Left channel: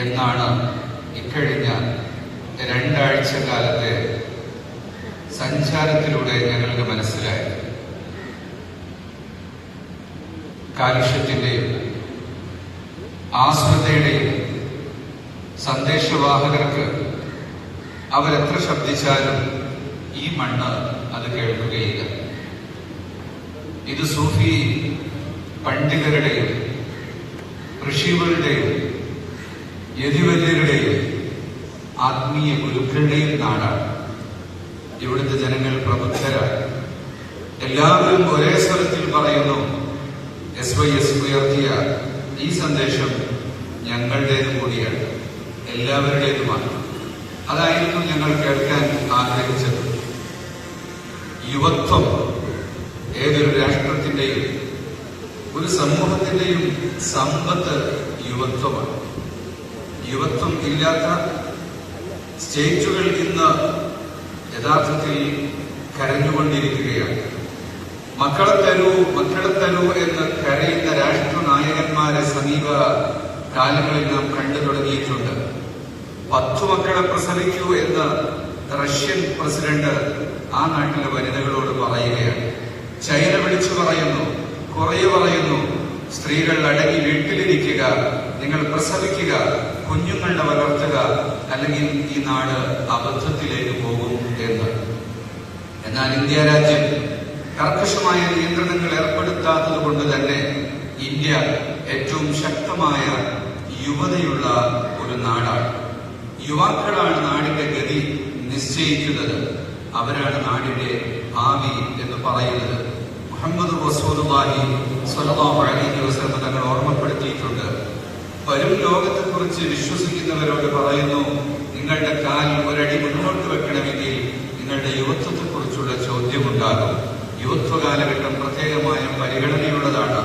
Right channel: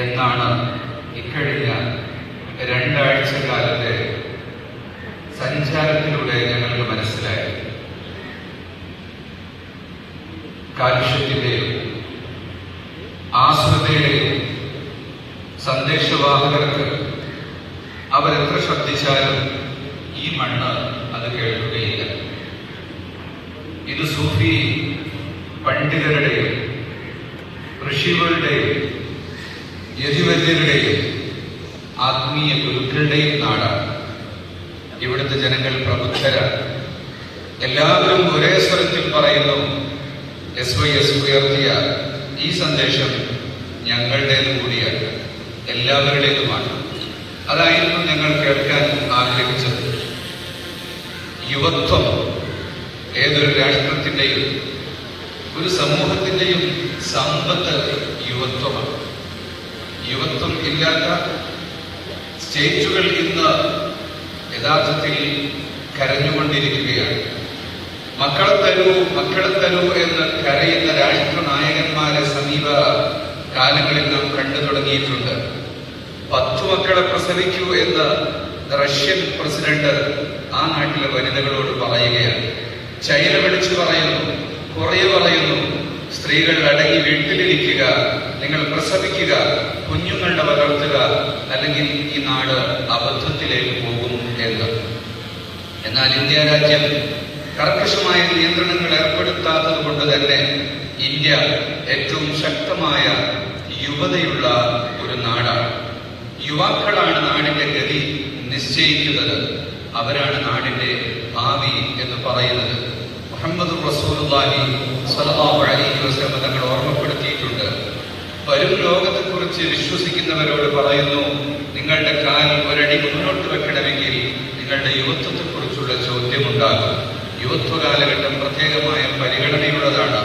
എന്നാണ് ഇക്കഴിഞ്ഞ 2 ആഴ്ച കാലത്തെ സഞ്ചാരത്തിലൂടെ ഞങ്ങൾക്ക് മനസ്സിലായി. കാലുഷ്യത്തിന്റെയും ആശ്രിതയുടെയും സന്ദേശവാഹകർക്ക് അവരെത്ര ശബ്ദിച്ചാലും ഈ മണ്ണ് അത് കേൾക്കുകയില്ല. ഇത് സൂഫി പണ്ഡിതരുടെയും ഋഷികളുടെയും യതിവര്യരുടെയും ആത്മീയ ഗുരുക്കളുടെയും നാടാണ്. ഇവിടുത്തെ ജനങ്ങൾ പ്രബുദ്ധരാണ്. എല്ലാവരും ഒരേ സ്വരത്തിൽ പറയുന്നു, SYS ഉയർത്തിയ ഈ സന്ദേശം ഞങ്ങളുടേത് കൂടിയാണ്, എല്ലാവരുടേതുമാണ്. അതായിരുന്നു ഞങ്ങൾ കേൾക്കാൻ ആഗ്രഹിച്ചത്. യുവത്വം ഏതൊരു രാഷ്ട്രത്തിന്റെയും ഒരു സമൂഹത്തിന്റെയും സമ്പത്ത് യുവത്വമാണ്. യുവത്വം ഇല്ലാത്ത സ്റ്റേറ്റുകൾ ഇന്ന് യഥാർത്ഥത്തിൽ കരഞ്ഞുകൊണ്ടിരിക്കുകയാണ്. മക്കളെ തരൂ എന്ന് കരയുന്ന രാഷ്ട്രനായകന്മാരെ സമീപ കാലങ്ങളിൽ നാം കണ്ടു തുടങ്ങിയിട്ടുണ്ട്. 10 മക്കളെ പ്രസവിക്കൂ എന്ന് റഷ്യൻ പ്രസിഡന്റ് ആ നാട്ടിലെ വനിതകളോട് പറയുകയാണ്. ചൈന വിളിച്ചു പറയുന്നു, കൊറിയ പറയുന്നു, സ്ത്രീകൾ അടങ്ങി വീട്ടിലിരിക്കുക, നിങ്ങൾ പ്രസവിക്കുക, കുഞ്ഞുങ്ങളുടെ വളർത്തുക, അല്ലെങ്കിൽ ഈ നാട് അബദ്ധത്തിലേക്ക് പോകും എന്ന്. എന്നാൽ ഇന്ത്യ രാജ്യം കർക്കശമായ നിയന്ത്രണങ്ങൾ ഏർപ്പെടുത്താത്തത് കൊണ്ട് തന്നെ ഇന്ത്യ ഏറ്റവും ശക്തമായ യുവതയുള്ള ഒരു നാടാണ്. യുവാക്കളാണ് നാടിന്റെ ഗതി നിശ്ചയിക്കുന്നത്. അവരാണ് നാടിന്റെ ഭാവി എന്ന് പറയുന്നത്. മുഹമ്മദ് റസൂലുള്ളാഹി സ്വല്ലല്ലാഹു അലൈഹി വസല്ലം തങ്ങൾ ഓർമ്മപ്പെടുത്തിയിട്ടുണ്ട്. വരും ലോകത്തെക്കുറിച്ച് വിശ്വസിക്കുന്നവരോട് പറയുന്നു, നിങ്ങളുടെ കാൽ ഒരടി മുന്നോട്ട് വെക്കണമെങ്കിൽ നിങ്ങളുടെ യുവത്വത്തെക്കുറിച്ചുള്ള ചോദ്യമുണ്ടാകും. യുവത്വ കാലഘട്ടം പ്രത്യേകമായ പരിഗണനയുള്ളതാണ്.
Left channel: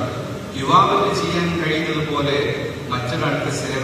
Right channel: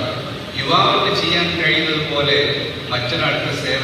യുവാവിന് ചെയ്യാൻ കഴിയുന്നത് പോലെ മറ്റൊരാൾക്ക് സേവ